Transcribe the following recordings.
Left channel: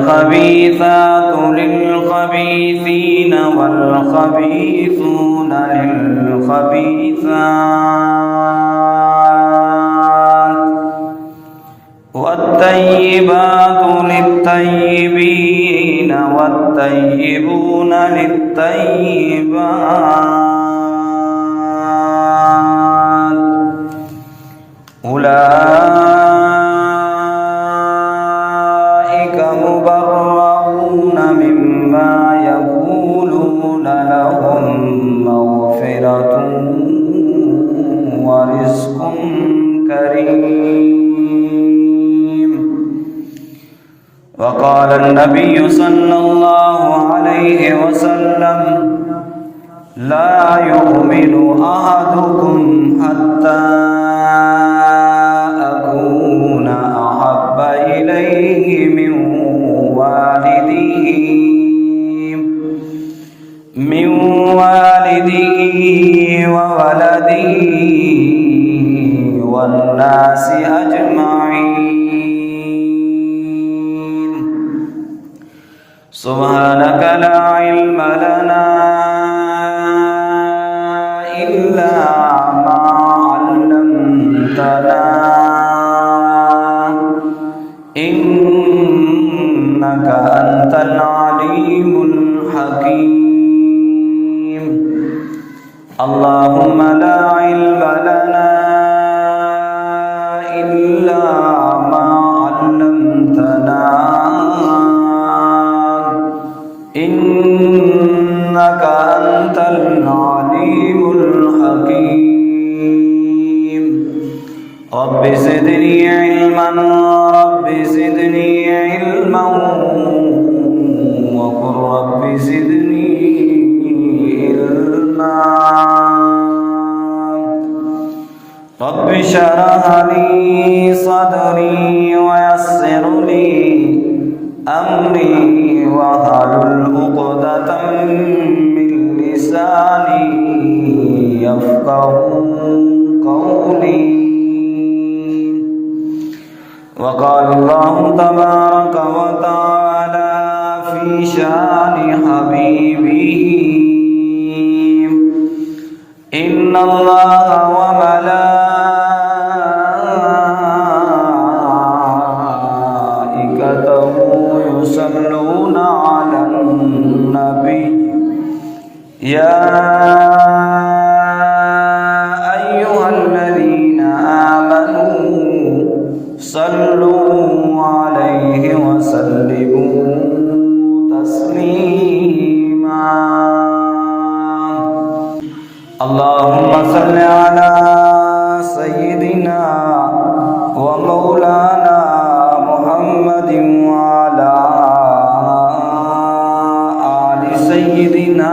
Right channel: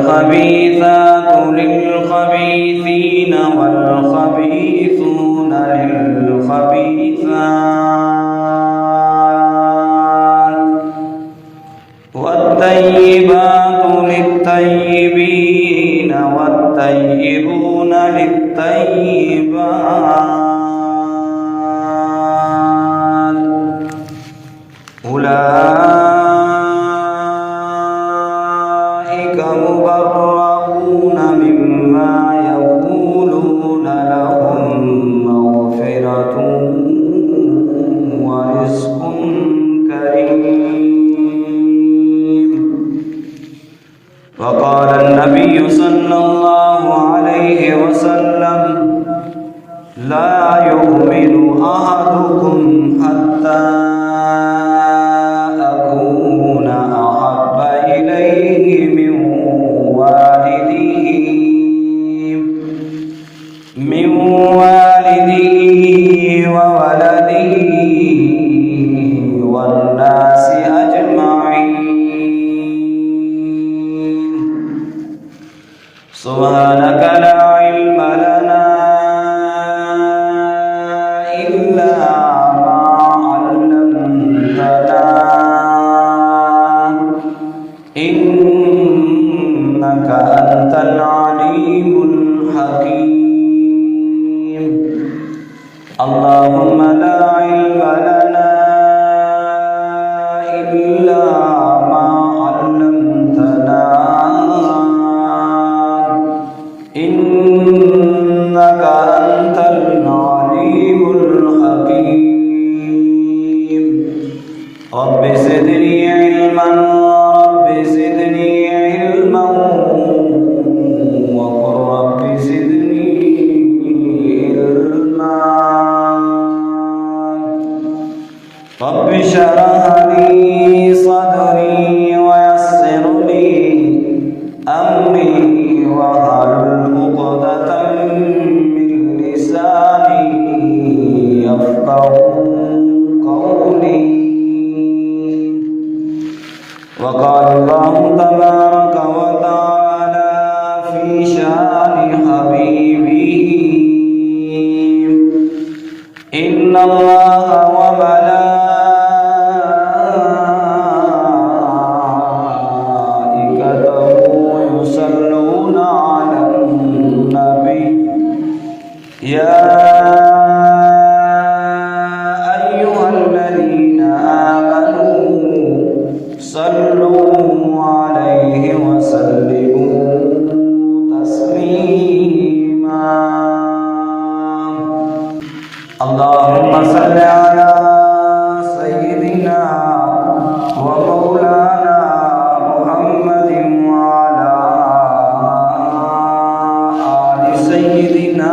الخبيثات للخبيثين والخبيثون للخبيثات والطيبات للطيبين والطيبون للطيبات أولئك مبرؤون مما يقولون لهم مغفرة ورزق كريم. وقال النبي سبحانك لا علم لنا إلا ما علمتنا إنك أنت العليم الحكيم اللهم لا علم لنا إلا ما علمتنا إنك أنت العليم الحكيم رب زدني علما رب زدني علما وقل رب زدني علما رب اشرح لي صدري ويسر لي أمري واحلل عقدة من لساني يفقهوا قولي وقال الله تبارك وتعالى في شأن حبيبه إن الله وملائكته يصلون على النبي يا أيها الذين آمنوا صلوا عليه وسلموا تسليما اللهم صل على سيدنا ومولانا محمد وعلى آل سيدنا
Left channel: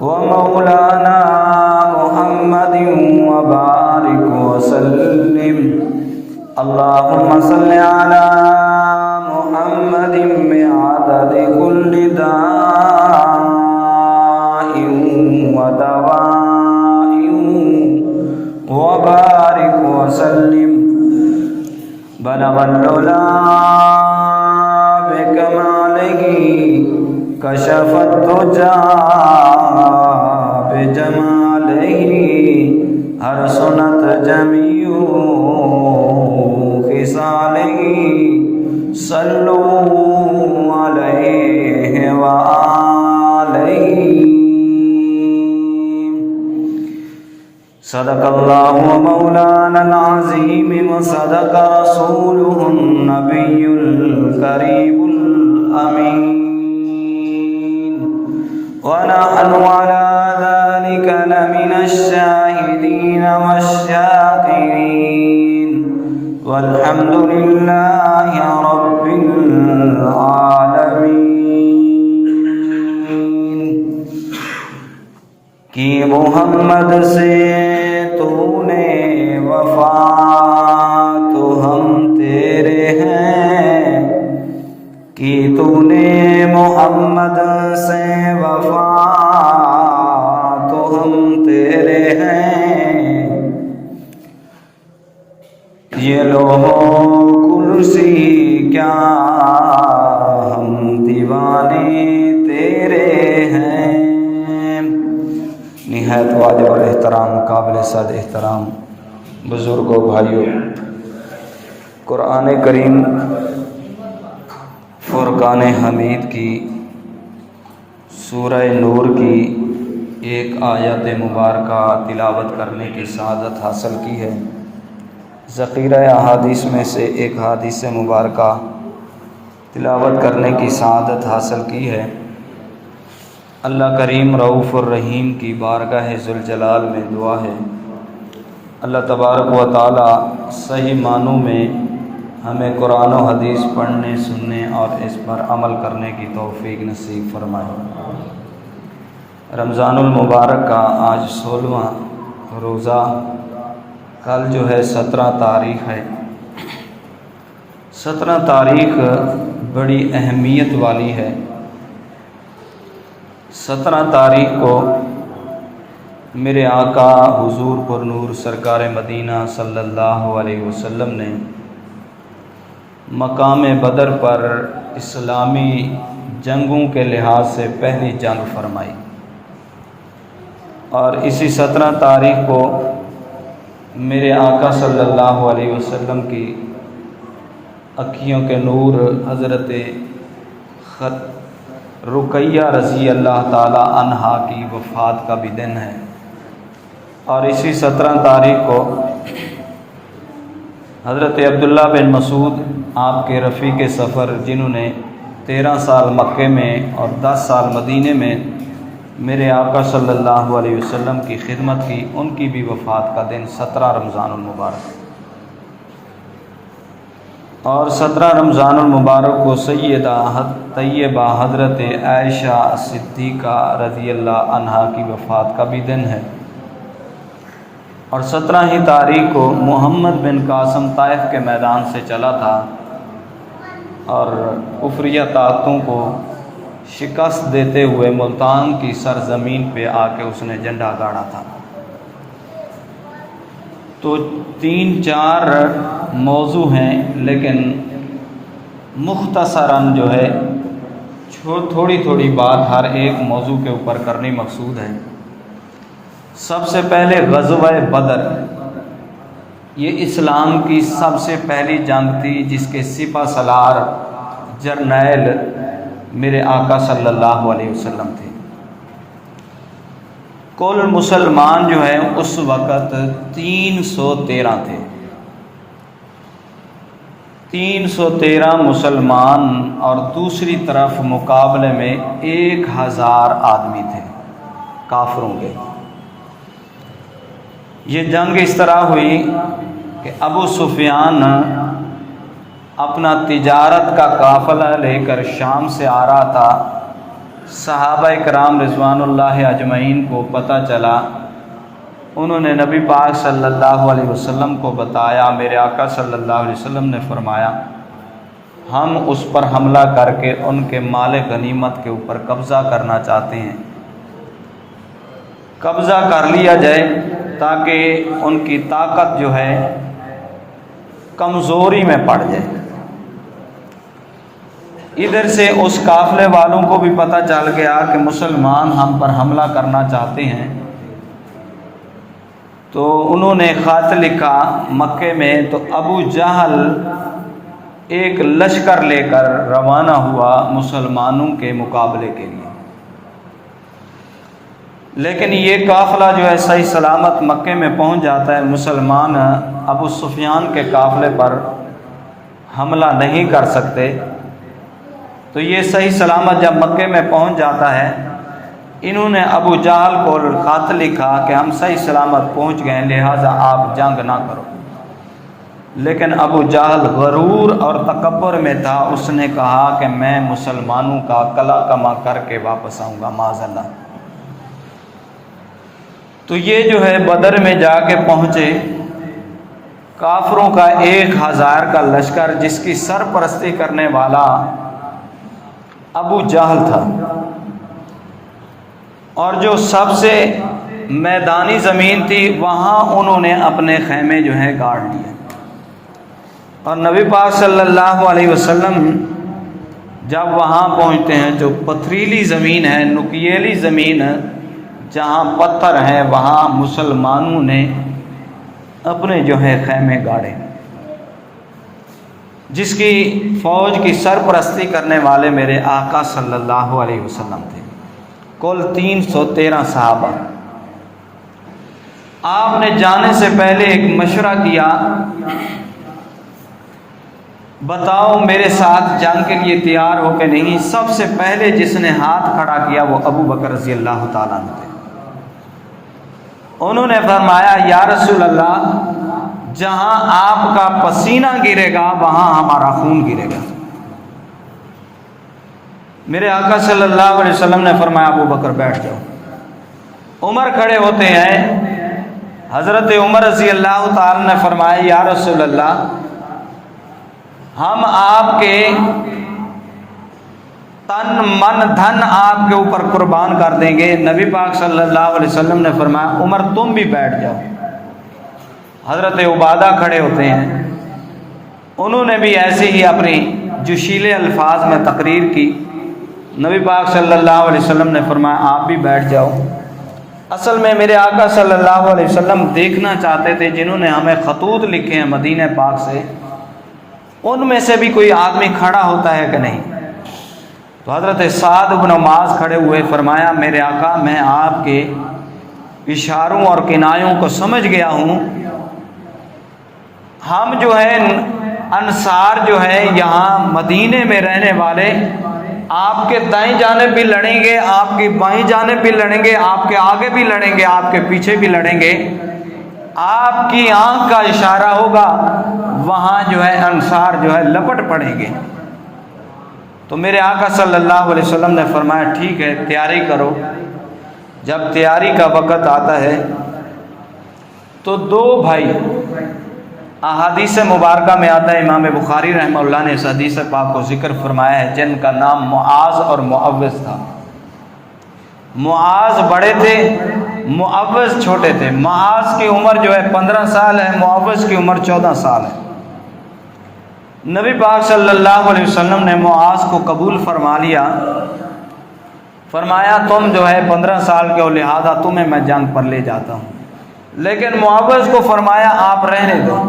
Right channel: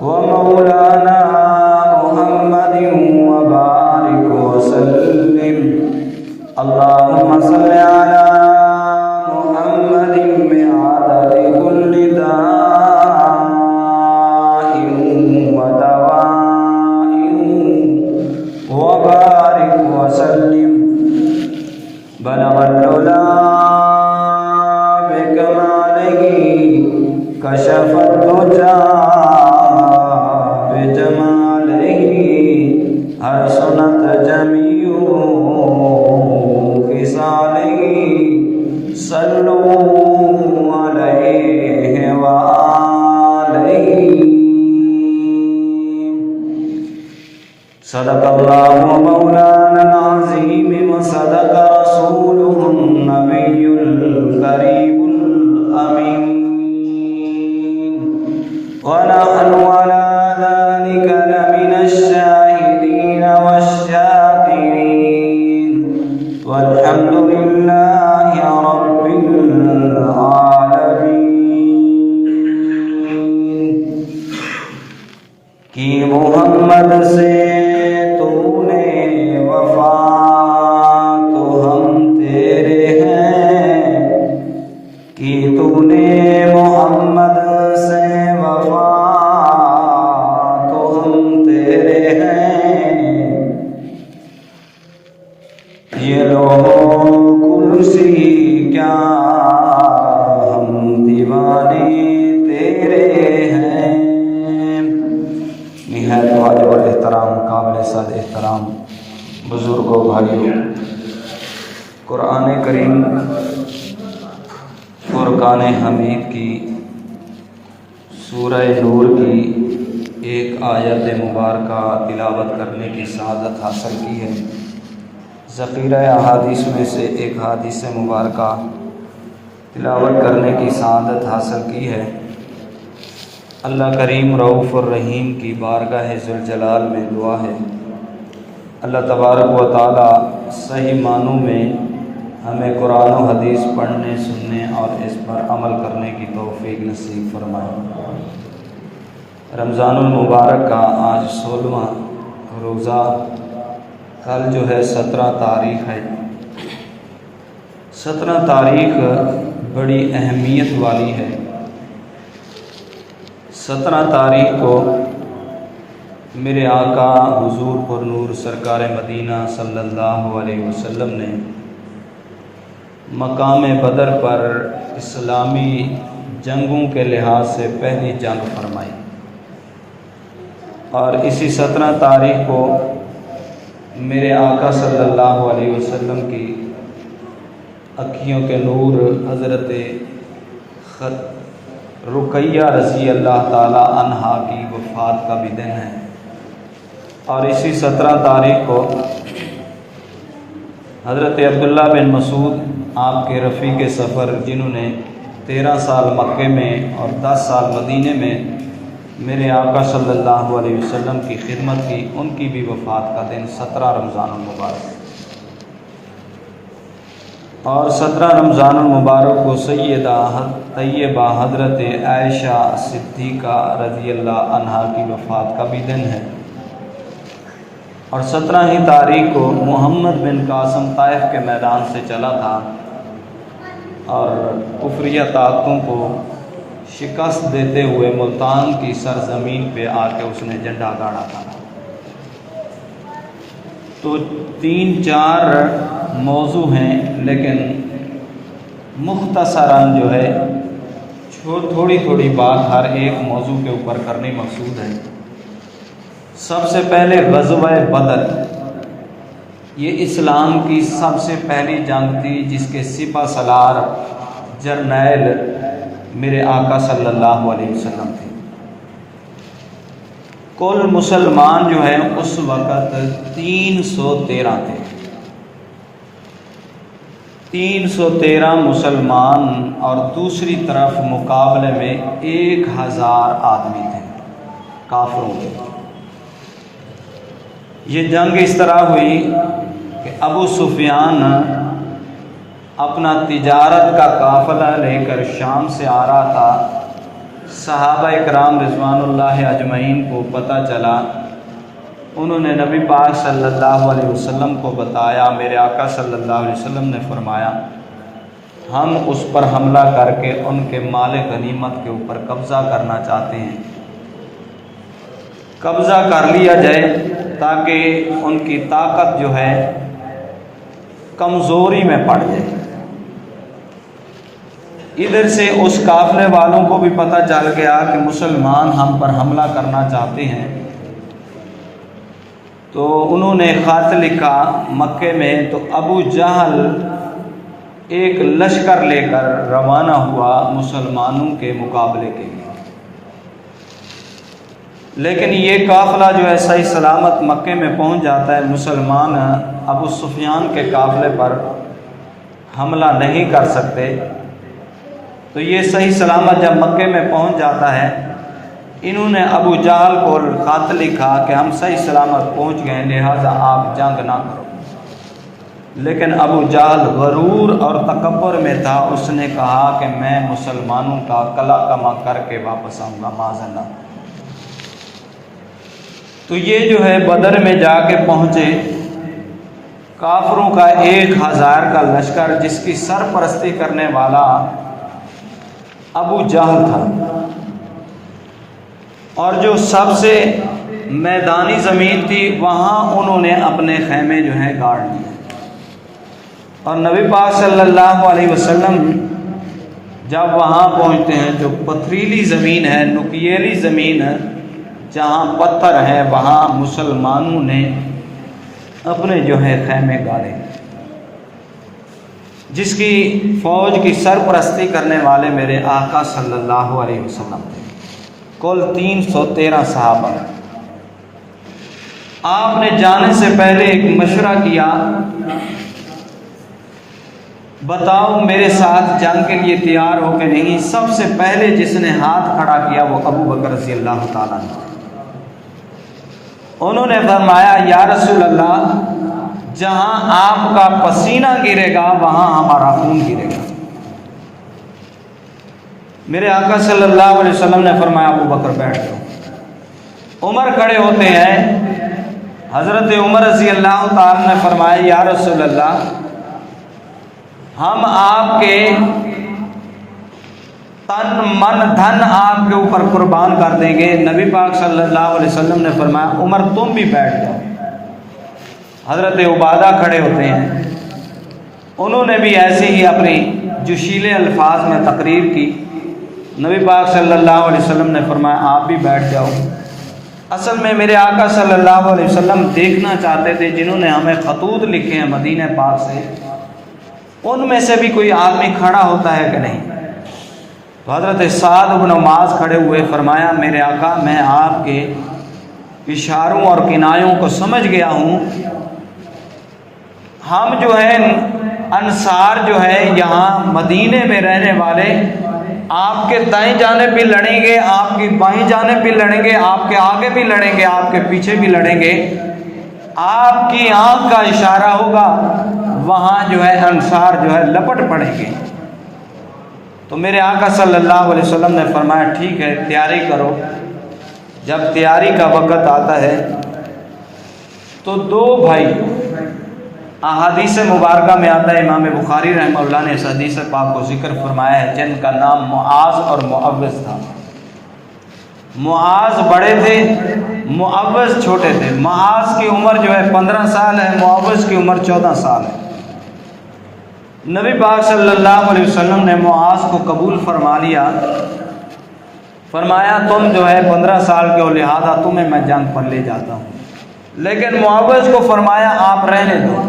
ومولانا محمد وبارك وسلم اللهم صل على محمد بعدد كل داء ودواء وبارك وسلم بلغ العلا بكماله كشف الدجى بجماله حسنت جميع خصاله صلوا عليه وآله صدق الله مولانا العظيم وصدق رسوله النبي الكريم الأمين ونحن على ذلك لمن الشاهدين والشاكرين والحمد لله رب العالمين کہ محمد سے تو نے وفا تو ہم تیرے ہیں کہ تو نے محمد سے وفا تو ہم تیرے ہیں یہ لوح کرسی کیا ہم دیوانے تیرے ہیں نہایت واجب الاحترام قابل صد احترام بزرگوں بھائیوں قرآن کریم فرقان حمید کی سورہ نور کی ایک آیت مبارکہ تلاوت کرنے کی سعادت حاصل کی ہے ذخیرہ احادیث میں سے ایک حدیث مبارکہ تلاوت کرنے کی سعادت حاصل کی ہے اللہ کریم رؤوف الرحیم کی بارگاہ ذوالجلال میں دعا ہے اللہ تبارک و تعالی صحیح معنوں میں ہمیں قرآن و حدیث پڑھنے سننے اور اس پر عمل کرنے کی توفیق نصیب فرمائے رمضان المبارک کا آج 16واں روزہ کل جو ہے 17 تاریخ ہے 17 تاریخ بڑی اہمیت والی ہے 17 تاریخ کو میرے آقا حضور پر نور سرکار مدینہ صلی اللہ علیہ وسلم نے مقام بدر پر اسلامی جنگوں کے لحاظ سے پہلی جنگ فرمائی، اور اسی 17 تاریخ کو میرے آقا صلی اللہ علیہ وسلم کی اکھیوں کے نور حضرت رقیہ رضی اللہ تعالی عنہا کی وفات کا بھی دن ہے۔ اور اسی 17 تاریخ کو حضرت عبداللہ بن مسعود آپ کے رفیق سفر، جنہوں نے 13 سال مکے میں اور 10 سال مدینے میں میرے آقا صلی اللہ علیہ وسلم کی خدمت کی، ان کی بھی وفات کا دن 17 رمضان المبارک، اور 17 رمضان المبارک کو سیدہ طیبہ حضرت عائشہ صدیقہ رضی اللہ عنہا کی وفات کا بھی دن ہے۔ اور 17 ہی تاریخ کو محمد بن قاسم طائف کے میدان سے چلا تھا اور کفریہ طاقتوں کو شکست دیتے ہوئے ملتان کی سرزمین پہ آ کے اس نے جھنڈا گاڑا تھا۔ تو 3-4 موضوع ہیں، لیکن مختصراً جو ہے تھوڑی تھوڑی بات ہر ایک موضوع کے اوپر کرنی مقصود ہے۔ سب سے پہلے غزوہ بدر، یہ اسلام کی سب سے پہلی جنگ تھی جس کے سپہ سالار جرنیل میرے آقا صلی اللہ علیہ وسلم تھے۔ کل مسلمان جو ہیں اس وقت 313 تھے، 313 مسلمان، اور دوسری طرف مقابلے میں 1000 آدمی تھے کافروں کے۔ یہ جنگ اس طرح ہوئی کہ ابو سفیان اپنا تجارت کا قافلہ لے کر شام سے آ رہا تھا۔ صحابہ اکرام رضوان اللہ اجمعین کو پتہ چلا، انہوں نے نبی پاک صلی اللہ علیہ وسلم کو بتایا۔ میرے آقا صلی اللہ علیہ وسلم نے فرمایا ہم اس پر حملہ کر کے ان کے مال غنیمت کے اوپر قبضہ کرنا چاہتے ہیں، قبضہ کر لیا جائے تاکہ ان کی طاقت جو ہے کمزوری میں پڑ جائے۔ ادھر سے اس قافلے والوں کو بھی پتہ چل گیا کہ مسلمان ہم پر حملہ کرنا چاہتے ہیں، تو انہوں نے خط لکھا مکے میں۔ تو ابو جہل ایک لشکر لے کر روانہ ہوا مسلمانوں کے مقابلے کے لیے، لیکن یہ قافلہ جو ہے صحیح سلامت مکے میں پہنچ جاتا ہے۔ مسلمان ابو سفیان کے قافلے پر حملہ نہیں کر سکتے، تو یہ صحیح سلامت جب مکے میں پہنچ جاتا ہے، انہوں نے ابو جہل کو خط لکھا کہ ہم صحیح سلامت پہنچ گئے، لہٰذا آپ جنگ نہ کرو۔ لیکن ابو جہل غرور اور تکبر میں تھا، اس نے کہا کہ میں مسلمانوں کا قلع کما کر کے واپس آؤں گا، معاذ اللہ۔ تو یہ جو ہے بدر میں جا کے پہنچے، کافروں کا 1000 کا لشکر جس کی سرپرستی کرنے والا ابو جہل تھا، اور جو سب سے میدانی زمین تھی وہاں انہوں نے اپنے خیمے جو ہیں گاڑ لیے۔ اور نبی پاک صلی اللہ علیہ وسلم جب وہاں پہنچتے ہیں جو پتھریلی زمین ہے، نکیلی زمین ہے، جہاں پتھر ہے، وہاں مسلمانوں نے اپنے جو ہے خیمے گاڑے، جس کی فوج کی سرپرستی کرنے والے میرے آقا صلی اللہ علیہ وسلم تھے۔ کل 313 صحابہ۔ آپ نے جانے سے پہلے ایک مشورہ کیا، بتاؤ میرے ساتھ جنگ کے لیے تیار ہو کہ نہیں؟ سب سے پہلے جس نے ہاتھ کھڑا کیا وہ ابو بکر رضی اللہ تعالیٰ عنہ تھے۔ انہوں نے فرمایا یا رسول اللہ، جہاں آپ کا پسینہ گرے گا وہاں ہمارا خون گرے گا۔ میرے آقا صلی اللہ علیہ وسلم نے فرمایا ابو بکر بیٹھ جاؤ۔ عمر کھڑے ہوتے ہیں، حضرت عمر رضی اللہ تعالی نے فرمایا یا رسول اللہ، ہم آپ کے تن من دھن آپ کے اوپر قربان کر دیں گے۔ نبی پاک صلی اللہ علیہ وسلم نے فرمایا عمر تم بھی بیٹھ جاؤ۔ حضرت عبادہ کھڑے ہوتے ہیں، انہوں نے بھی ایسے ہی اپنی جوشیلے الفاظ میں تقریر کی۔ نبی پاک صلی اللہ علیہ وسلم نے فرمایا آپ بھی بیٹھ جاؤ۔ اصل میں میرے آقا صلی اللہ علیہ وسلم دیکھنا چاہتے تھے جنہوں نے ہمیں خطوط لکھے ہیں مدینہ پاک سے، ان میں سے بھی کوئی آدمی کھڑا ہوتا ہے کہ نہیں۔ تو حضرت سعد بن معاذ کھڑے ہوئے، فرمایا میرے آقا میں آپ کے اشاروں اور کنایوں کو سمجھ گیا ہوں، ہم جو ہے انصار جو ہے یہاں مدینے میں رہنے والے آپ کے دائیں جانب بھی لڑیں گے، آپ کی بائیں جانب بھی لڑیں گے، آپ کے آگے بھی لڑیں گے، آپ کے پیچھے بھی لڑیں گے، آپ کی آنکھ کا اشارہ ہوگا وہاں جو ہے انصار جو ہے لپٹ پڑیں گے۔ تو میرے آقا صلی اللہ علیہ وسلم نے فرمایا ٹھیک ہے تیاری کرو۔ جب تیاری کا وقت آتا ہے تو دو بھائی، احادیث مبارکہ میں آتا ہے، امام بخاری رحمہ اللہ نے اس حدیث پاک کو ذکر فرمایا ہے، جن کا نام معاذ اور معوذ تھا۔ معاذ بڑے تھے، معوذ چھوٹے تھے۔ معاذ کی عمر جو ہے 15 سال ہے، معوذ کی عمر 14 سال ہے۔ نبی پاک صلی اللہ علیہ وسلم نے معاذ کو قبول فرما لیا، فرمایا تم جو ہے 15 سال کے ہو لہذا تمہیں میں جنگ پر لے جاتا ہوں، لیکن معوذ کو فرمایا آپ رہنے دو۔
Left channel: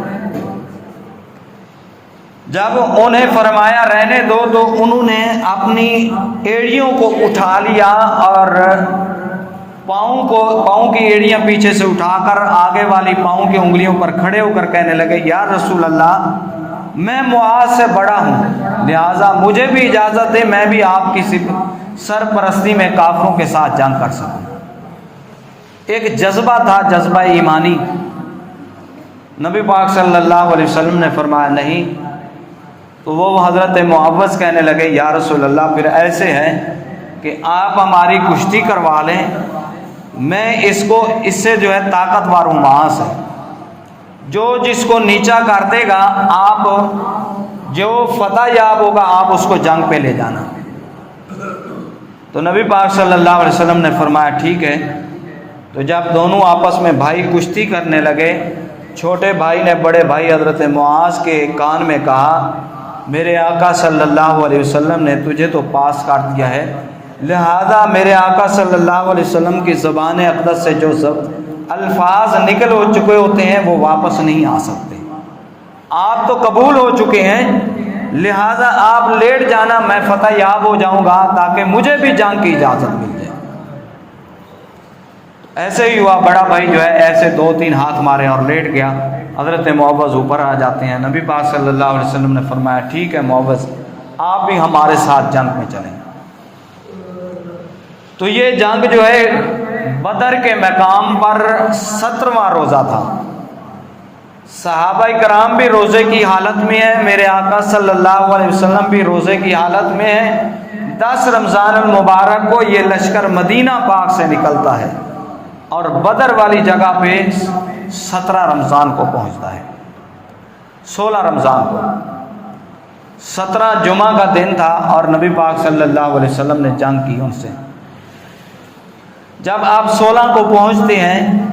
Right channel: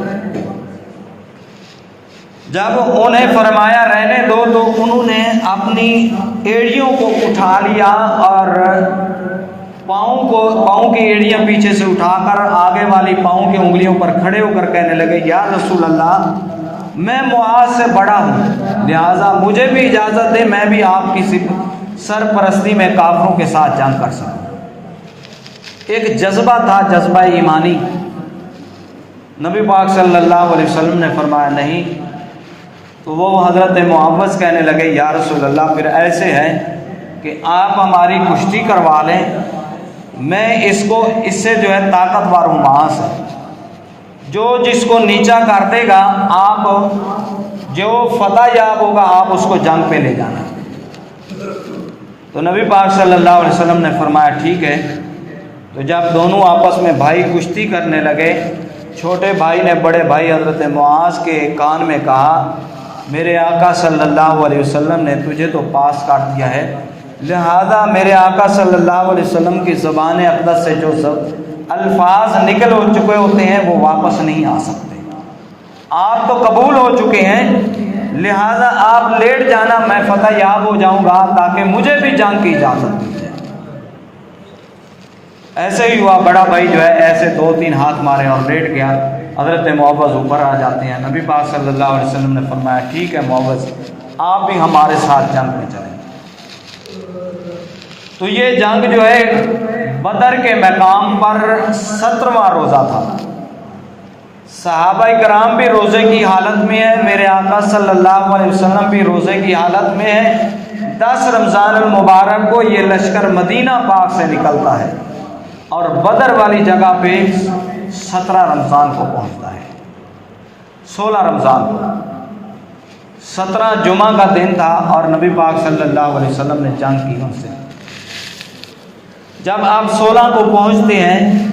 جب انہیں فرمایا رہنے دو تو انہوں نے اپنی ایڑیوں کو اٹھا لیا اور پاؤں کی ایڑیاں پیچھے سے اٹھا کر آگے والی پاؤں کی انگلیوں پر کھڑے ہو کر کہنے لگے یا رسول اللہ میں معاذ سے بڑا ہوں، لہذا مجھے بھی اجازت دے میں بھی آپ کی سرپرستی میں کافروں کے ساتھ جنگ کر سکوں۔ ایک جذبہ تھا، جذبہ ایمانی۔ نبی پاک صلی اللہ علیہ وسلم نے فرمایا نہیں۔ تو وہ حضرت معوذ کہنے لگے یا رسول اللہ پھر ایسے ہے کہ آپ ہماری کشتی کروا لیں، میں اس سے جو ہے طاقتور ہوں معاذ ہے، جو جس کو نیچا کر دے گا آپ جو فتح یاب ہوگا آپ اس کو جنگ پہ لے جانا۔ تو نبی پاک صلی اللہ علیہ وسلم نے فرمایا ٹھیک ہے۔ تو جب دونوں آپس میں بھائی کشتی کرنے لگے، چھوٹے بھائی نے بڑے بھائی حضرت معاذ کے کان میں کہا میرے آقا صلی اللہ علیہ وسلم نے تجھے تو پاس کاٹ دیا ہے، لہذا میرے آقا صلی اللہ علیہ وسلم کی زبان اقدس سے جو الفاظ نکل ہو چکے ہوتے ہیں وہ واپس نہیں آ سکتے۔ آپ تو قبول ہو چکے ہیں، لہذا آپ لیٹ جانا، میں فتح یاب ہو جاؤں گا تاکہ مجھے بھی جنگ کی اجازت مل جائے۔ ایسے ہی ہوا، بڑا بھائی جو ہے ایسے 2-3 ہاتھ مارے اور لیٹ گیا۔ حضرت معوذ اوپر آ جاتے ہیں، نبی پاک صلی اللہ علیہ وسلم نے فرمایا ٹھیک ہے معوذ آپ بھی ہمارے ساتھ جنگ میں چلیں۔ تو یہ جنگ جو ہے بدر کے مقام پر 17واں روزہ تھا۔ صحابہ کرام بھی روزے کی حالت میں ہیں، میرے آقا صلی اللہ علیہ وسلم بھی روزے کی حالت میں ہیں۔ 10 رمضان المبارک کو یہ لشکر مدینہ پاک سے نکلتا ہے اور بدر والی جگہ پہ 17 رمضان کو پہنچتا ہے، 16 رمضان کو 17 جمعہ کا دن تھا اور نبی پاک صلی اللہ علیہ وسلم نے جنگ کی ان سے۔ جب آپ 16 کو پہنچتے ہیں،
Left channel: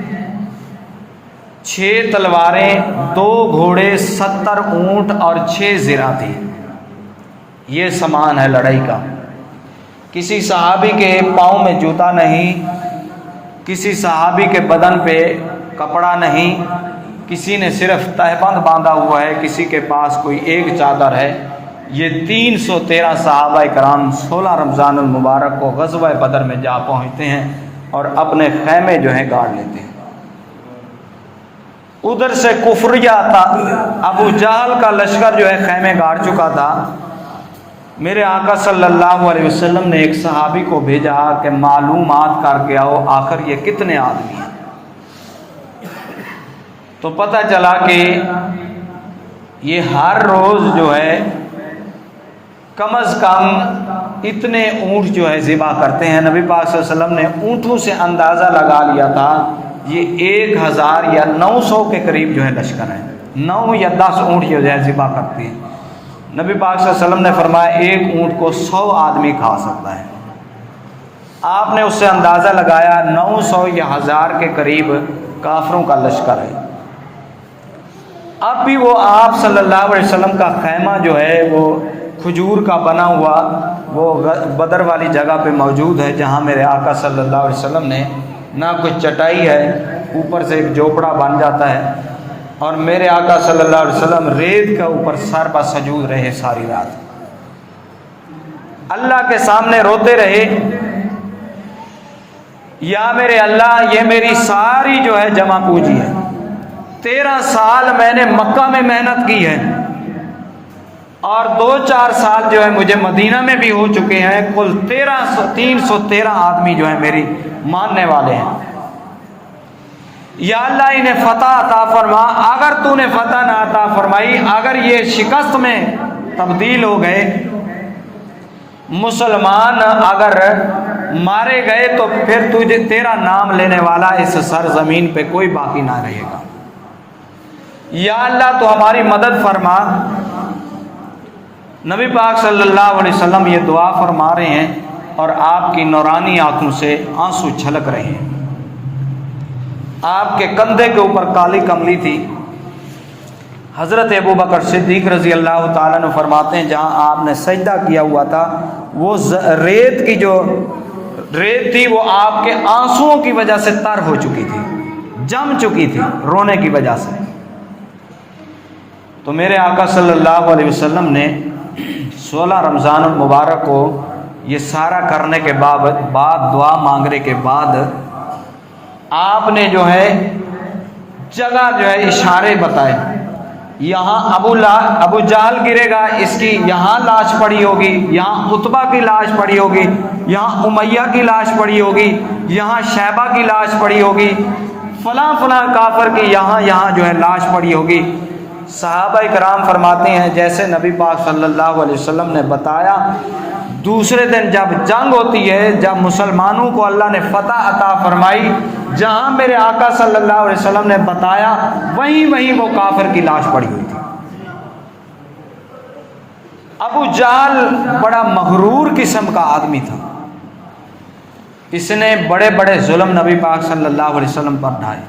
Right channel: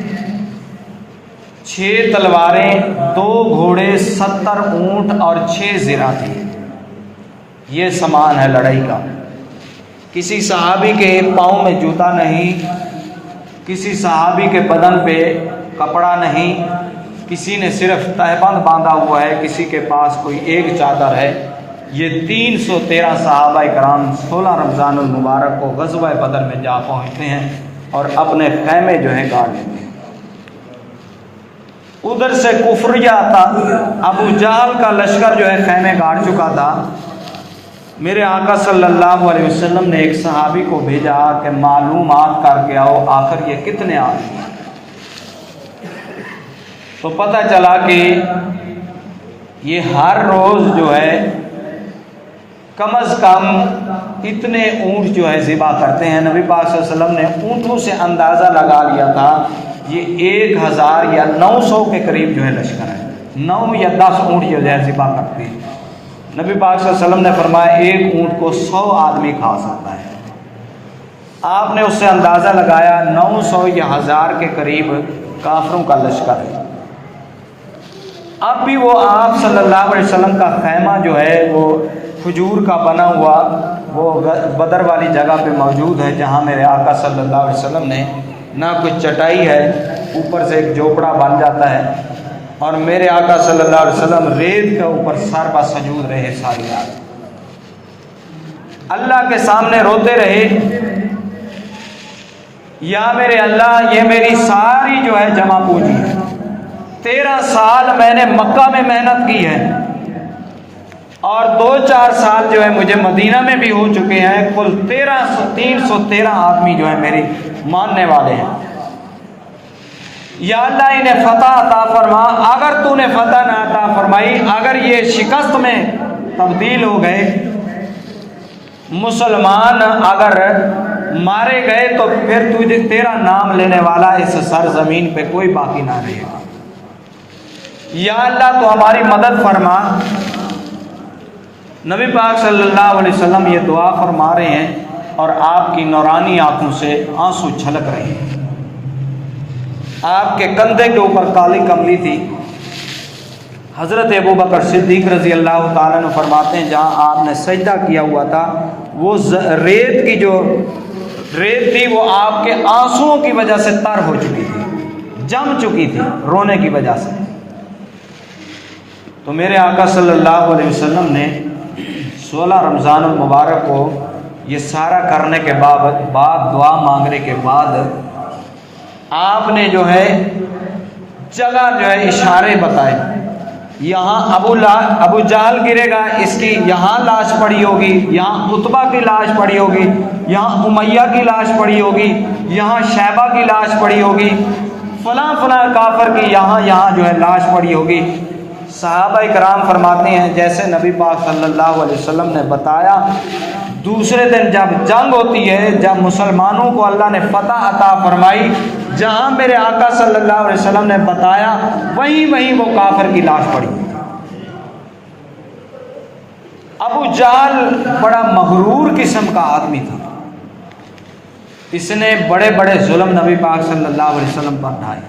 6 تلواریں، 2 گھوڑے، 70 اونٹ اور 6 زرہ تھی۔ یہ سامان ہے لڑائی کا۔ کسی صحابی کے پاؤں میں جوتا نہیں، کسی صحابی کے بدن پہ کپڑا نہیں، کسی نے صرف تہبند باندھا ہوا ہے، کسی کے پاس کوئی ایک چادر ہے۔ یہ 313 صحابہ کرام 16 رمضان المبارک کو غزوہ بدر میں جا پہنچتے ہیں اور اپنے خیمے جو ہیں گاڑ لیتے ہیں۔ ادھر سے کفریہ تھا، ابو جہل کا لشکر جو ہے خیمے گاڑ چکا تھا۔ میرے آقا صلی اللہ علیہ وسلم نے ایک صحابی کو بھیجا کہ معلومات کر کے آؤ آخر یہ کتنے آدمی ہیں۔ تو پتہ چلا کہ یہ ہر روز جو ہے کم از کم اتنے اونٹ جو ہے ذبح کرتے ہیں۔ نبی پاک صلی اللہ علیہ وسلم نے اونٹوں سے اندازہ لگا لیا تھا یہ 1000 یا 900 کے قریب جو ہے لشکر ہے، 9 یا 10 اونٹ جو ہے ذبح کرتے ہیں۔ نبی پاک صلی اللہ علیہ وسلم نے فرمایا ایک اونٹ کو 100 آدمی کھا سکتا ہے۔ آپ نے اس سے اندازہ لگایا 900 یا 1000 کے قریب کافروں کا لشکر ہے۔ اب بھی وہ آپ صلی اللہ علیہ وسلم کا خیمہ جو ہے وہ کھجور کا بنا ہوا وہ بدر والی جگہ پہ موجود ہے جہاں میرے آقا صلی اللہ علیہ وسلم نے نہ کچھ چٹائی ہے، اوپر سے ایک جھوپڑا بن جاتا ہے، اور میرے آقا صلی اللہ علیہ وسلم ریت کے اوپر سر پر سجود رہے ساری رات، اللہ کے سامنے روتے رہے، یا میرے اللہ یہ میری ساری جو ہے جمع پوجی ہے، 13 سال میں نے مکہ میں محنت کی ہے اور 2-4 سال جو ہے مجھے مدینہ میں بھی ہو چکے ہیں، کل 313 آدمی جو ہے میری ماننے والے ہیں، یا اللہ انہیں فتح عطا فرما، اگر تو نے فتح نہ عطا فرمائی، اگر یہ شکست میں تبدیل ہو گئے، مسلمان اگر مارے گئے تو پھر تجھے تیرا نام لینے والا اس سرزمین پہ کوئی باقی نہ رہے گا، یا اللہ تو ہماری مدد فرما۔ نبی پاک صلی اللہ علیہ وسلم یہ دعا فرما رہے ہیں اور آپ کی نورانی آنکھوں سے آنسو چھلک رہے ہیں، آپ کے کندھے کے اوپر کالی کملی تھی۔ حضرت ابوبکر صدیق رضی اللہ تعالیٰ عنہ فرماتے ہیں جہاں آپ نے سجدہ کیا ہوا تھا وہ ریت کی جو ریت تھی وہ آپ کے آنسوؤں کی وجہ سے تر ہو چکی تھی، جم چکی تھی رونے کی وجہ سے۔ تو میرے آقا صلی اللہ علیہ وسلم نے 16 رمضان المبارک کو یہ سارا کرنے کے بعد دعا مانگنے کے بعد آپ نے جو ہے جگہ جو ہے اشارے بتائے، یہاں ابو جہل گرے گا، اس کی یہاں لاش پڑی ہوگی، یہاں عتبہ کی لاش پڑی ہوگی، یہاں امیہ کی لاش پڑی ہوگی، یہاں شیبہ کی لاش پڑی ہوگی، فلاں فلاں کافر کی یہاں جو ہے لاش پڑی ہوگی۔ صحابہ کرام فرماتے ہیں جیسے نبی پاک صلی اللہ علیہ وسلم نے بتایا، دوسرے دن جب جنگ ہوتی ہے، جب مسلمانوں کو اللہ نے فتح عطا فرمائی، جہاں میرے آقا صلی اللہ علیہ وسلم نے بتایا وہیں وہ کافر کی لاش پڑی ہوئی تھی۔ ابو جہل بڑا مغرور قسم کا آدمی تھا، اس نے بڑے بڑے ظلم نبی پاک صلی اللہ علیہ وسلم پر ڈھائے۔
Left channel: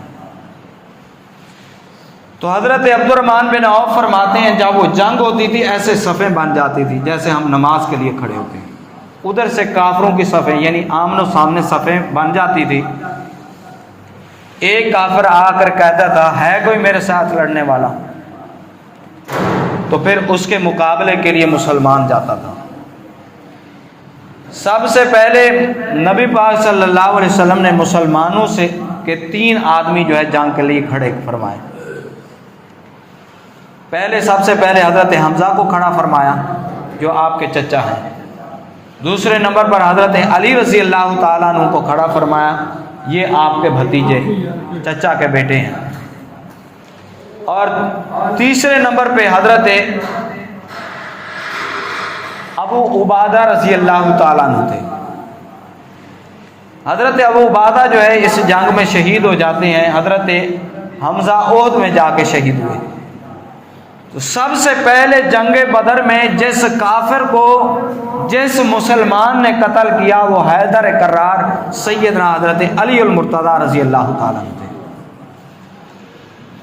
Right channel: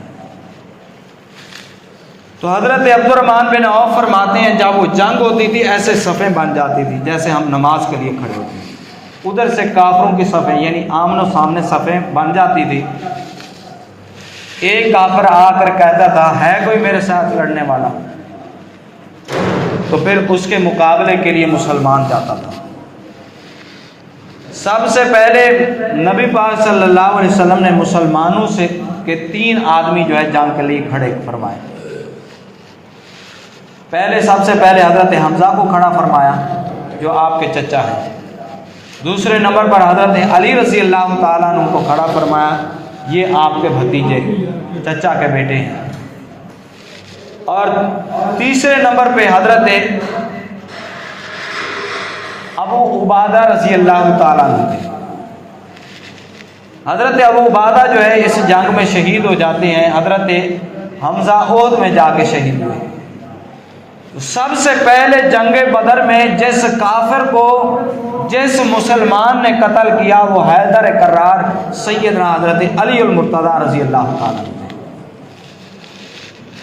تو حضرت عبد الرحمن بن عوف فرماتے ہیں جب وہ جنگ ہوتی تھی ایسے صفیں بن جاتی تھی جیسے ہم نماز کے لیے کھڑے ہوتے ہیں، ادھر سے کافروں کی صفیں یعنی آمن و سامنے صفیں بن جاتی تھی۔ ایک کافر آ کر کہتا تھا ہے کوئی میرے ساتھ لڑنے والا، تو پھر اس کے مقابلے کے لیے مسلمان جاتا تھا۔ سب سے پہلے نبی پاک صلی اللہ علیہ وسلم نے مسلمانوں سے کہ 3 آدمی جو ہے جنگ کے لیے کھڑے فرمائے۔ سب سے پہلے حضرت حمزہ کو کھڑا فرمایا جو آپ کے چچا ہیں، دوسرے نمبر پر حضرت علی رضی اللہ تعالیٰ عنہ کو کھڑا فرمایا، یہ آپ کے بھتیجے چچا کے بیٹے ہیں، اور تیسرے نمبر پہ حضرت ابو عبادہ رضی اللہ تعالیٰ عنہ تھے۔ حضرت ابو عبادہ جو ہے اس جنگ میں شہید ہو جاتے ہیں، حضرت حمزہ احد میں جا کے شہید ہوئے۔ سب سے پہلے جنگ بدر میں جس کافر کو جس مسلمان نے قتل کیا وہ حیدر کرار سیدنا حضرت علی المرتضیٰ رضی اللہ تعالیٰ عنہ تھے،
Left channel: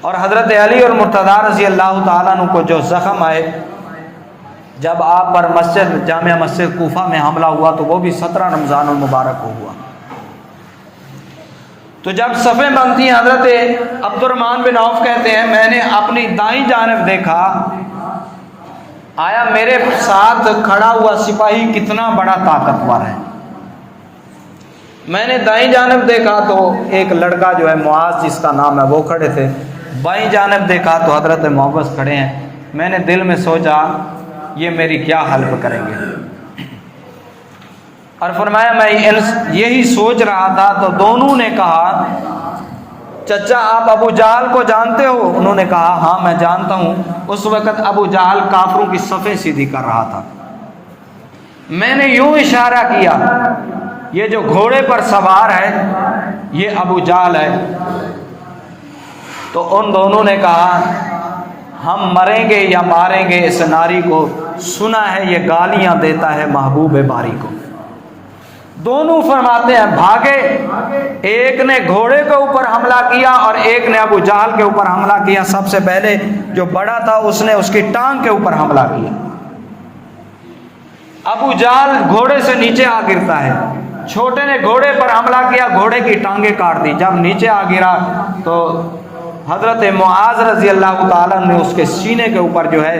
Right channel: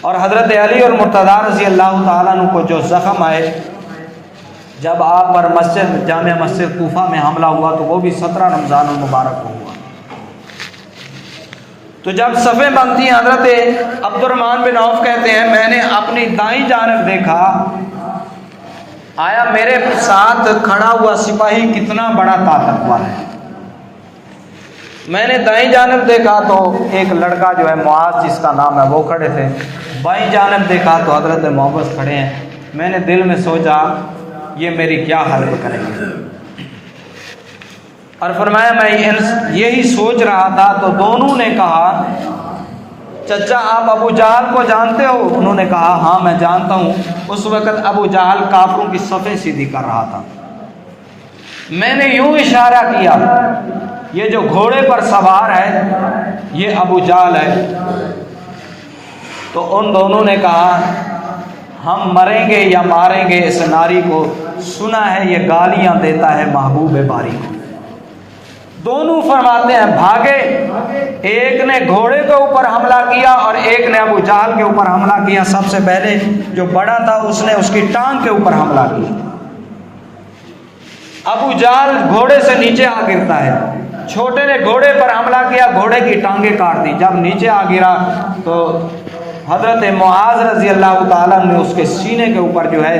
اور حضرت علی المرتضیٰ رضی اللہ تعالیٰ عنہ کو جو زخم آئے جب آپ پر جامع مسجد کوفہ میں حملہ ہوا تو وہ بھی 17 رمضان المبارک کو ہوا۔ تو جب صفیں بنتی ہیں حضرت عبد الرحمن بن عوف کہتے ہیں میں نے اپنی دائیں جانب دیکھا، آیا میرے ساتھ کھڑا ہوا سپاہی کتنا بڑا طاقتور ہے۔ میں نے دائیں جانب دیکھا تو ایک لڑکا جو ہے معاذ جس کا نام ہے وہ کھڑے تھے، بائیں جانب دیکھا تو حضرت محبت کھڑے ہیں۔ میں نے دل میں سوچا یہ میری کیا حلف کریں گے، اور فرمایا میں یہی سوچ رہا تھا تو دونوں نے کہا چچا آپ ابو جہل کو جانتے ہو؟ انہوں نے کہا ہاں میں جانتا ہوں۔ اس وقت ابو جہل کافروں کی صفیں سیدھی کر رہا تھا۔ میں نے یوں اشارہ کیا یہ جو گھوڑے پر سوار ہے یہ ابو جہل ہے، تو ان دونوں نے کہا ہم مریں گے یا ماریں گے اس ناری کو، سنا ہے یہ گالیاں دیتا ہے محبوب باری کو۔ دونوں فرماتے ہیں بھاگے، ایک نے گھوڑے کے اوپر حملہ کیا اور ایک نے ابو جہل کے اوپر حملہ کیا۔ سب سے پہلے جو بڑا تھا اس نے اس کی ٹانگ کے اوپر حملہ کیا۔ ابو جہل گھوڑے سے نیچے آ گرتا ہے، چھوٹے نے گھوڑے پر حملہ کیا، گھوڑے کی ٹانگیں کاٹ دی، جب نیچے آ گرا تو حضرت معاذ رضی اللہ تعالیٰ نے اس کے سینے کے اوپر جو ہے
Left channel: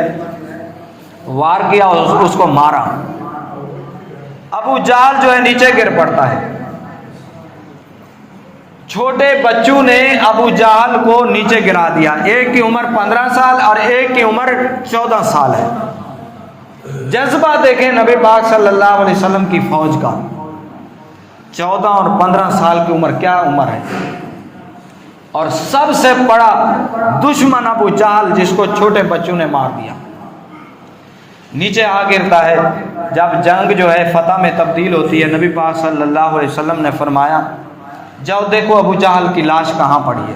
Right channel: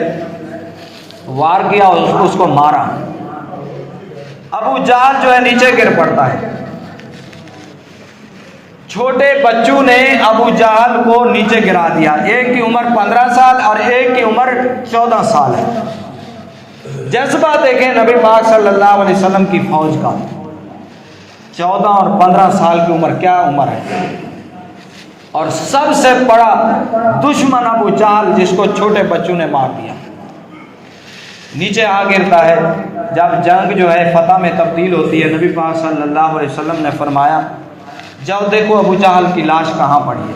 وار کیا اور اس کو مارا۔ ابو جہل جو ہے نیچے گر پڑتا ہے، چھوٹے بچوں نے ابو جہل کو نیچے گرا دیا، ایک کی عمر 15 سال اور ایک کی عمر 14 سال ہے۔ جذبہ دیکھیں نبی پاک صلی اللہ علیہ وسلم کی فوج کا، 14 اور 15 سال کی عمر کیا عمر ہے، اور سب سے بڑا دشمن ابو جہل جس کو چھوٹے بچوں نے مار دیا نیچے آ گرتا ہے۔ جب جنگ جو ہے فتح میں تبدیل ہوتی ہے، نبی پاک صلی اللہ علیہ وسلم نے فرمایا جاؤ دیکھو ابو جہل کی لاش کہاں پڑی ہے۔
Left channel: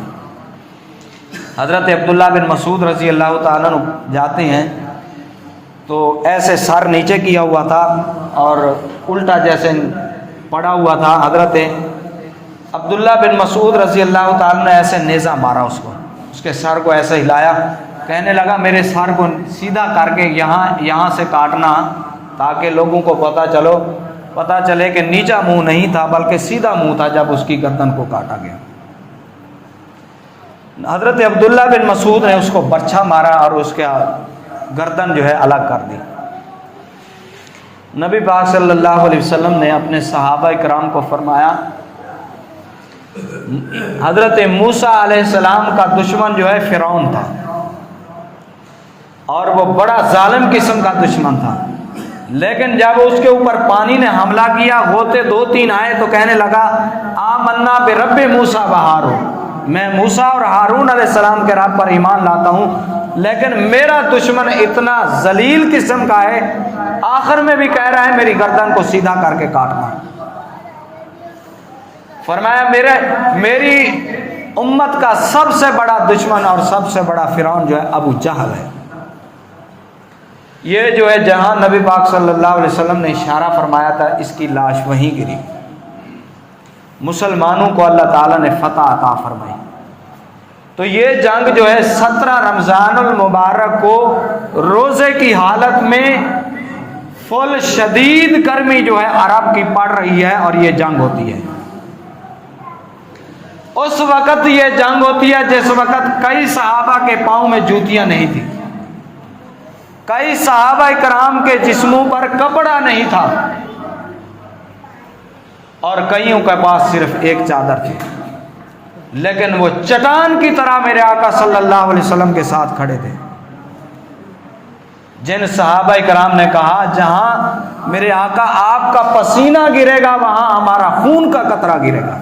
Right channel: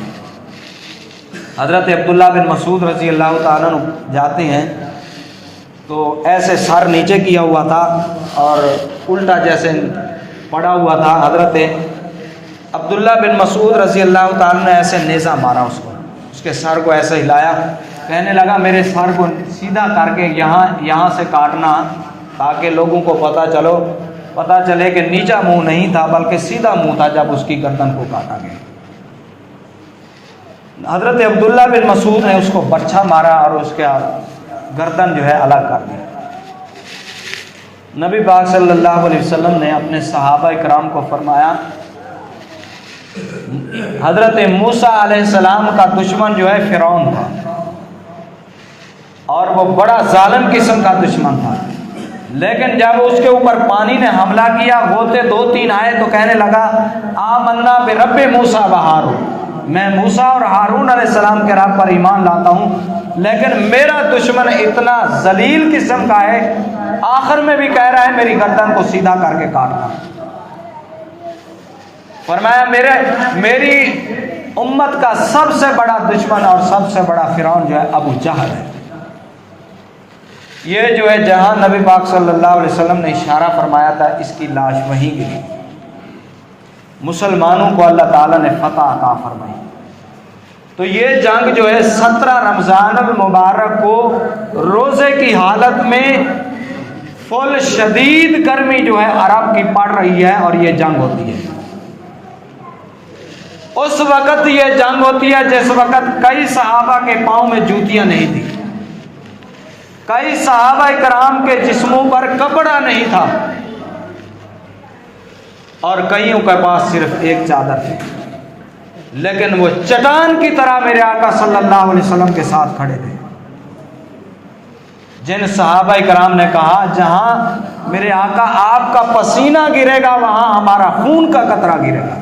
حضرت عبداللہ بن مسعود رضی اللہ تعالیٰ عنہ جاتے ہیں تو ایسے سر نیچے کیا ہوا تھا اور الٹا جیسے پڑا ہوا تھا۔ حضرت عبداللہ بن مسعود رضی اللہ تعالیٰ نے ایسے نیزہ مارا اس کو، اس کے سر کو ایسے ہلایا، کہنے لگا میرے سر کو سیدھا کر کے یہاں سے کاٹنا تاکہ لوگوں کو پتہ چلے کہ نیچا منہ نہیں تھا بلکہ سیدھا منہ تھا جب اس کی گردن کو کاٹا گیا۔ حضرت عبداللہ بن مسعود نے اس کو برچھا مارا اور اس کا گردن جو ہے الگ کر دی۔ نبی پاک صلی اللہ علیہ وسلم نے اپنے صحابہ اکرام کو فرمایا حضرت موسیٰ علیہ السلام کا دشمن جو ہے فرعون تھا، اور وہ بڑا ظالم قسم کا دشمن تھا، لیکن جب اس کے اوپر پانی نے حملہ کیا، ہوتے 2-3 آئے تو کہنے لگا آمنا برب موسیٰ و ہارون، میں موسیٰ اور ہارون علیہ السلام کے رب پر ایمان لاتا ہوں، لیکن میرا دشمن اتنا ذلیل قسم کا ہے، آخر میں بھی کہہ رہا ہے میری گردن کو سیدھا کر کے کاٹنا۔ فرمایا میری امت کا سب سے بڑا دشمن اور سب سے بڑا فرعون جو ہے ابو جہل ہے۔ یہ جو ہے جہاں نبی پاک صلی اللہ علیہ وسلم نے اشارہ فرمایا تھا اس کی لاش وہیں گری، مسلمانوں کو اللہ تعالیٰ نے فتح عطا فرمائی۔ تو یہ جنگ جو ہے 17 رمضان المبارک کو روزے کی حالت میں فل شدید گرمی جو ہے عرب کی پڑ رہی ہے اور یہ جنگ ہوتی ہے۔ اس وقت یہ جنگ ہوتی ہے جس وقت کئی صحابہ کے پاؤں میں جوتیاں نہیں تھی، کئی صحابہ کرام کے جسموں پر کپڑا نہیں تھا، اور کئیوں کے پاس صرف ایک چادر تھی، لیکن وہ چٹان کی طرح میرے آقا صلی اللہ علیہ وسلم کے ساتھ کھڑے تھے۔ جن صحابہ کرام نے کہا جہاں میرے آقا آپ کا پسینہ گرے گا وہاں ہمارا خون کا قطرہ گرے گا۔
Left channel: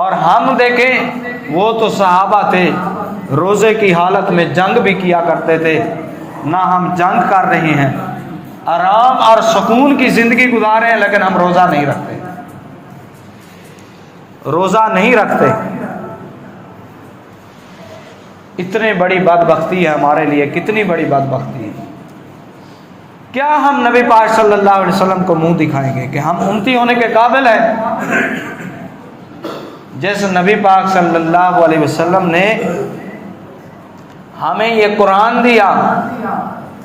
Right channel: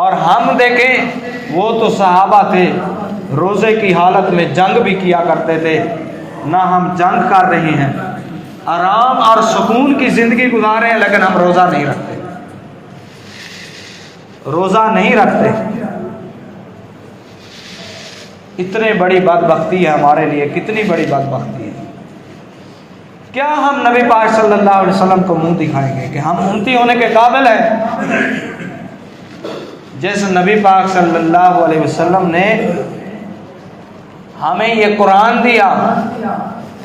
اور ہم دیکھیں وہ تو صحابہ تھے روزے کی حالت میں جنگ بھی کیا کرتے تھے، نہ ہم جنگ کر رہے ہیں، آرام اور سکون کی زندگی گزار رہے ہیں، لیکن ہم روزہ نہیں رکھتے، روزہ نہیں رکھتے۔ اتنی بڑی بدبختی ہے ہمارے لیے، کتنی بڑی بدبختی ہے۔ کیا ہم نبی پاک صلی اللہ علیہ وسلم کو منہ دکھائیں گے کہ ہم امتی ہونے کے قابل ہیں؟ جیسے نبی پاک صلی اللہ علیہ وسلم نے ہمیں یہ قرآن دیا،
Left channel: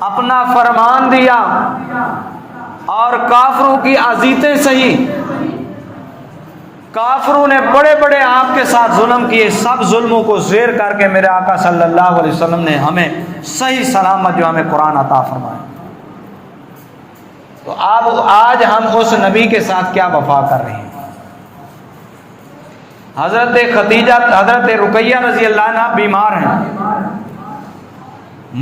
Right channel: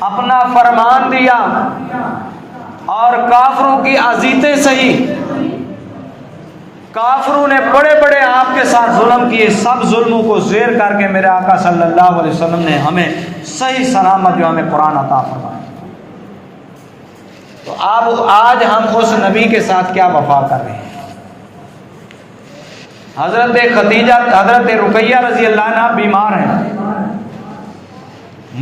اپنا فرمان دیا، اور کافروں کی اذیتیں سہی، کافروں نے بڑے بڑے آپ کے ساتھ ظلم کیے، سب ظلموں کو زیر کر کے میرے آقا صلی اللہ علیہ وسلم نے ہمیں صحیح سلامت جو ہمیں قرآن عطا فرمایا۔ تو آج ہم اس نبی کے ساتھ کیا وفا کر رہے ہیں؟ حضرت خدیجہ، حضرت رقیہ رضی اللہ عنہ بیمار ہیں،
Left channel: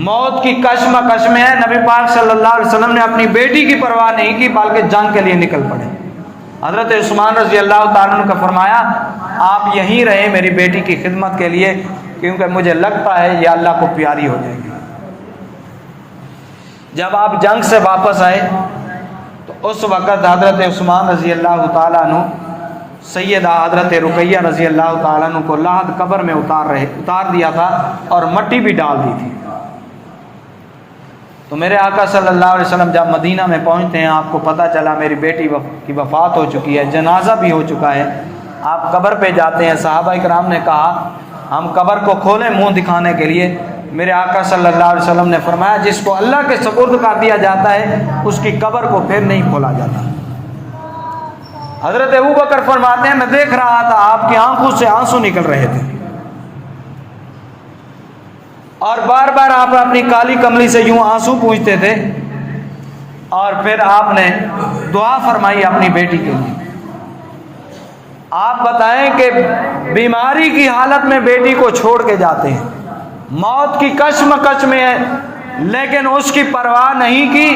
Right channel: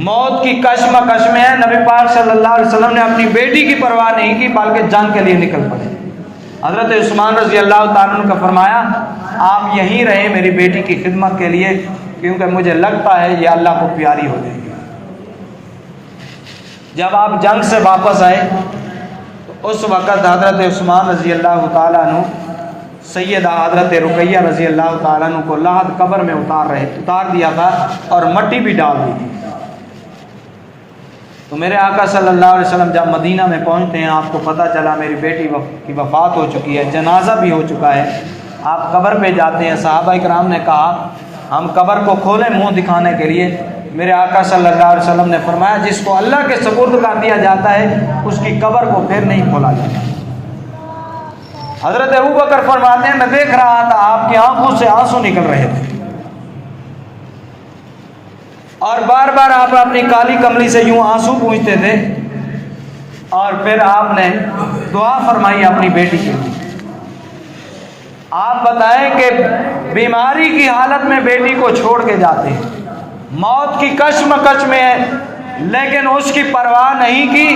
موت کی کشمکش میں ہے، نبی پاک صلی اللہ علیہ وسلم نے اپنی بیٹی کی پرواہ نہیں کی بلکہ جنگ کے لیے نکل پڑے۔ حضرت عثمان رضی اللہ تعالیٰ عنہ کا فرمایا آپ یہیں رہیں میری بیٹی کی خدمت کے لیے، کیونکہ مجھے لگتا ہے یہ اللہ کو پیاری ہو جائے گی۔ جب آپ جنگ سے واپس آئے تو اس وقت حضرت عثمان رضی اللہ تعالیٰ عنہ سیدہ حضرت رقیہ رضی اللہ تعالیٰ عنہ کو لحد قبر میں اتار دیا تھا اور مٹی بھی ڈال دی تھی۔ تو میرے آقا صلی اللہ علیہ وسلم جب مدینہ میں پہنچتے ہیں، آپ کو پتہ چلا میری بیٹی کی وفات ہو چکی ہے، جنازہ بھی ہو چکا ہے، آپ قبر پہ جاتے ہیں۔ صحابہ کرام نے کہا ہم قبر کو کھولیں منہ دکھانے کے لیے، میرے آقا صلی اللہ علیہ وسلم نے فرمایا جس کو اللہ کے سپرد کر دیا جاتا ہے اس کی قبر کو پھر نہیں کھولا جاتا۔ حضرت ابوبکر فرماتے ہیں میں دیکھ رہا تھا آپ کی آنکھوں سے آنسو نکل رہے تھے اور بار بار آپ اپنی کالی کملی سے یوں آنسو پوچھتے تھے، اور پھر آپ نے دعا فرمائی اپنی بیٹی کے لیے۔ آپ بتائیں کہ بیماری کی حالت میں بیٹی کو چھوڑ کے جاتے ہیں، موت کی کشمکش میں ہے، لیکن اس کی پرواہ نہیں کی،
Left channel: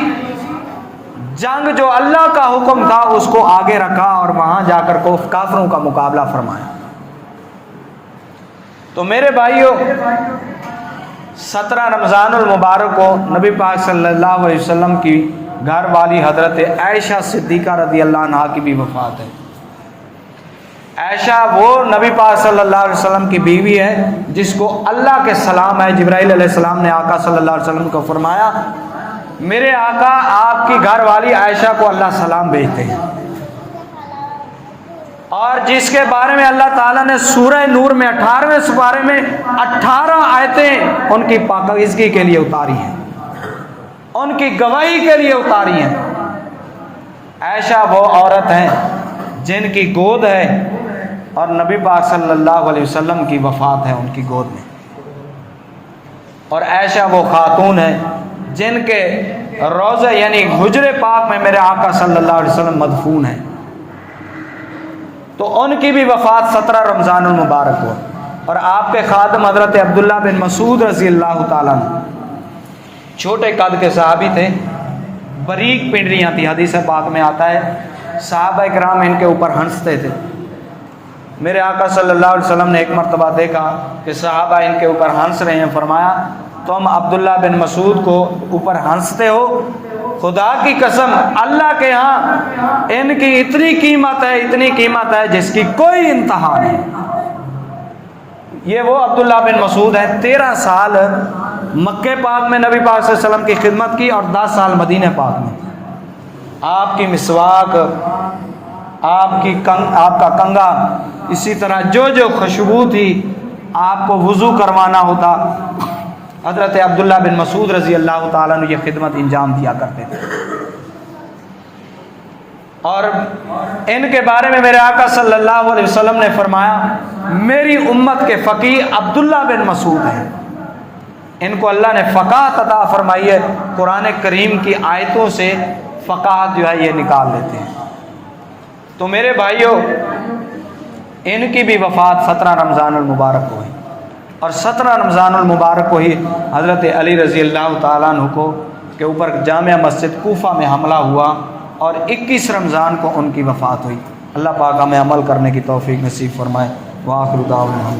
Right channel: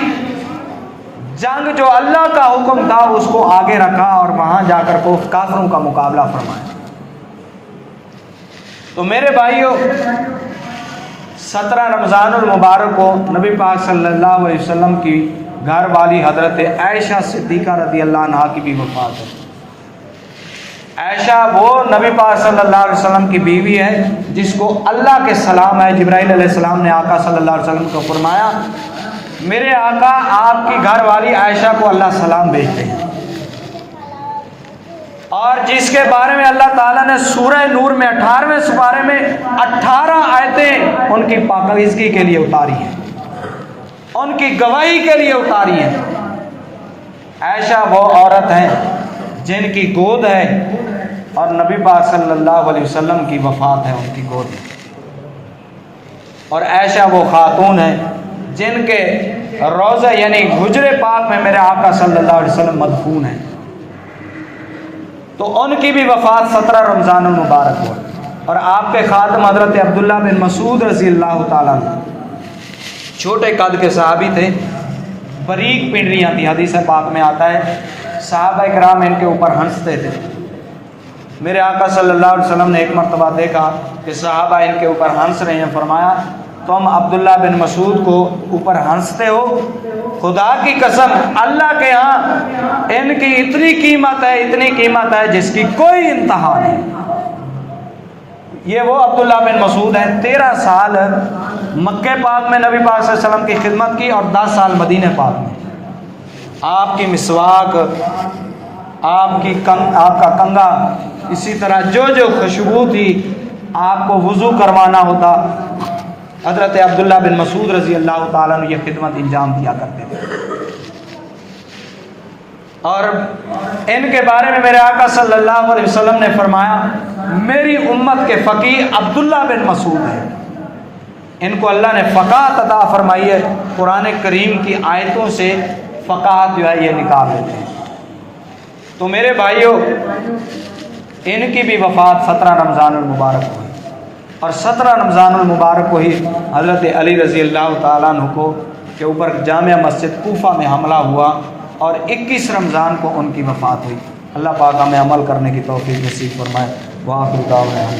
جنگ جو اللہ کا حکم تھا اس کو آگے رکھا اور وہاں جا کر کافروں کا مقابلہ فرمایا۔ تو میرے بھائیوں، 17 رمضان المبارک کو نبی پاک صلی اللہ علیہ وسلم کی گھر والی حضرت عائشہ صدیقہ رضی اللہ عنہا کی بھی وفات ہے۔ عائشہ وہ نبی پاک صلی اللہ علیہ وسلم کی بیوی ہے جس کو اللہ کے سلام ہے، جبرائیل علیہ السلام نے آقا صلی اللہ علیہ وسلم کو فرمایا میرے آقا آپ کی گھر والی عائشہ کو اللہ سلام بھیجتے ہیں، اور جس کے بارے میں اللہ تعالیٰ نے سورہ نور میں 18ویں سپارے میں 18 آیتیں ان کی پاکیزگی کے لیے اتاری ہیں، ان کی گواہی کے لیے اتاری ہیں۔ عائشہ وہ عورت ہیں جن کی گود ہے اور نبی پاک صلی اللہ علیہ وسلم کی وفات ہے ان کی گود میں، اور عائشہ وہ خاتون ہیں جن کے روضہ یعنی حجر پاک میں میرے آقا صلی اللہ علیہ وسلم مدفون ہیں۔ تو ان کی بھی وفات 17 رمضان المبارک ہو، اور آپ کے خادم حضرت عبداللہ بن مسعود رضی اللہ تعالیٰ عنہ چھوٹے قد کے صحابی تھے، باریک پنڈلیاں تھی، حدیث پاک میں آتا ہے صحابہ کرام ان کے اوپر ہنستے تھے۔ میرے آقا صلی اللہ علیہ وسلم نے ایک مرتبہ دیکھا کہ صحابہ ان کے اوپر ہنس رہے ہیں، فرمایا تم عبداللہ بن مسعود کو اوپر ہنستے ہو؟ خدا کی قسم اللہ کے ہاں ان کی اتنی قیمت ہے جس کی کوئی انتہا نہیں۔ یہ وہ عبداللہ بن مسعود ہیں، 13 سال مکہ پاک میں نبی پاک صلی اللہ علیہ وسلم کی خدمت کی اور 10 سال مدینہ پاک میں۔ آپ کی مسواک، آپ کا کنگا، اسی طرح جو خوشبو تھی آپ کو وضو کروانا ہوتا، حضرت عبداللہ بن مسعود رضی اللہ تعالیٰ نے یہ خدمت انجام دیا کرتے تھے۔ اور ان کے بارے میں میرے آقا صلی اللہ علیہ وسلم نے فرمایا میری امت کے فقیہ عبداللہ بن مسعود ہیں، ان کو اللہ نے فقاہت عطا فرمائی ہے، قرآن کریم کی آیتوں سے فقاہت جو ہے یہ نکال لیتے ہیں۔ تو میرے بھائیوں، ان کی بھی وفات 17 رمضان المبارک ہوئی، اور 17 رمضان المبارک کو ہی حضرت علی رضی اللہ تعالیٰ عنہ کو کے اوپر جامع مسجد کوفہ میں حملہ ہوا، اور 21 رمضان کو ان کی وفات ہوئی۔ اللہ پاک ہمیں عمل کرنے کی توفیق نصیب فرمائے۔ وآخر دعوانا